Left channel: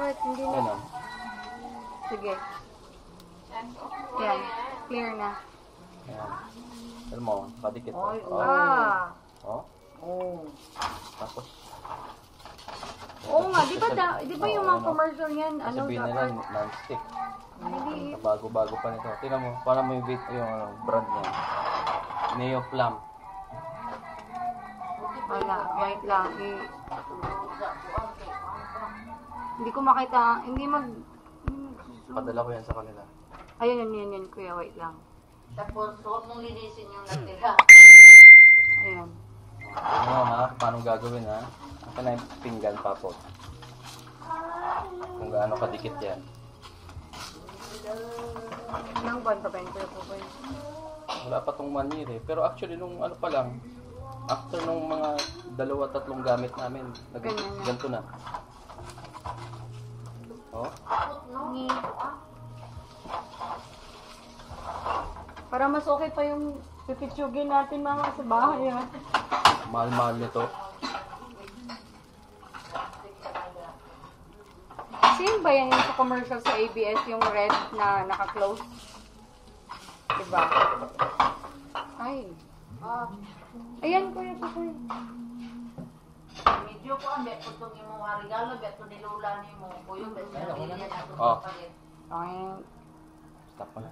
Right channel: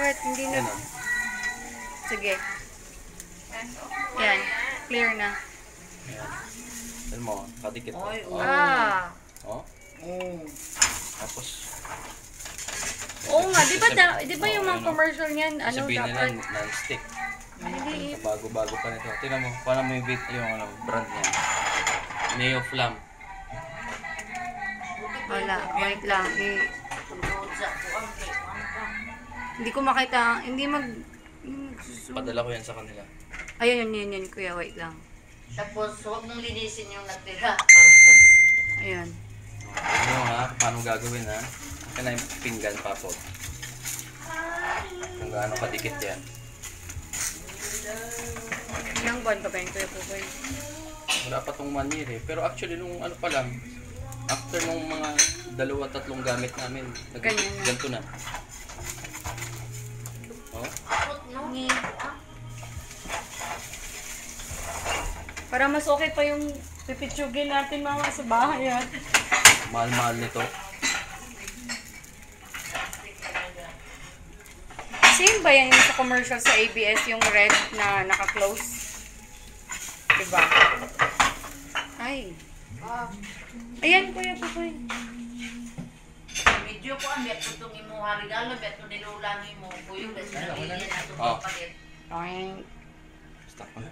What? Hindi na. Yan o. Sige. Yan. Clear na. Ayan. Alam mo, kadikit o. Oy, Oh. Ah. Oh. Oh. Tapos, Oo nga, di ba yung mga ano, commercial niyan, ano sabihin nila dapat? non-stick. Hindi. Bago-bago pa nito. Tingnan mo, paano mo yung ano, brand niya. Neo Flam. Wala, wait lang. Hindi ko makita, hindi Padala ko yan sa kanila. Ayun, yun, kuya, wait lang. Tapos, huwag mong linisin yung natira. Ayun. Tingnan mo ha, paano gagawin ha. Akin na yung pinggan pa po. Kung gaano kadikit yan. Ilang buwan pa ba yun, kuya po ba yun? Wala pa tong 1 year eh. Pero actually, nung ano pa lang, after nung mga 2-3 gamit namin, Ganyan na. ganito na. Oh, Ni. Para mas okay pa yung pipitsugin natin mga sa bahay, ha? mahal-mahal nito. Same ba yan yung sa commercial sa ABS, yung red na naka-close? Diba? Ay. Ayan, kuya po po. Medyo ko ang beto itong imuha regalo, beto nilulang mo. Kuyong kasi Ay, wala nabili na. na itong Oh. palit. Okay. Stop ko na.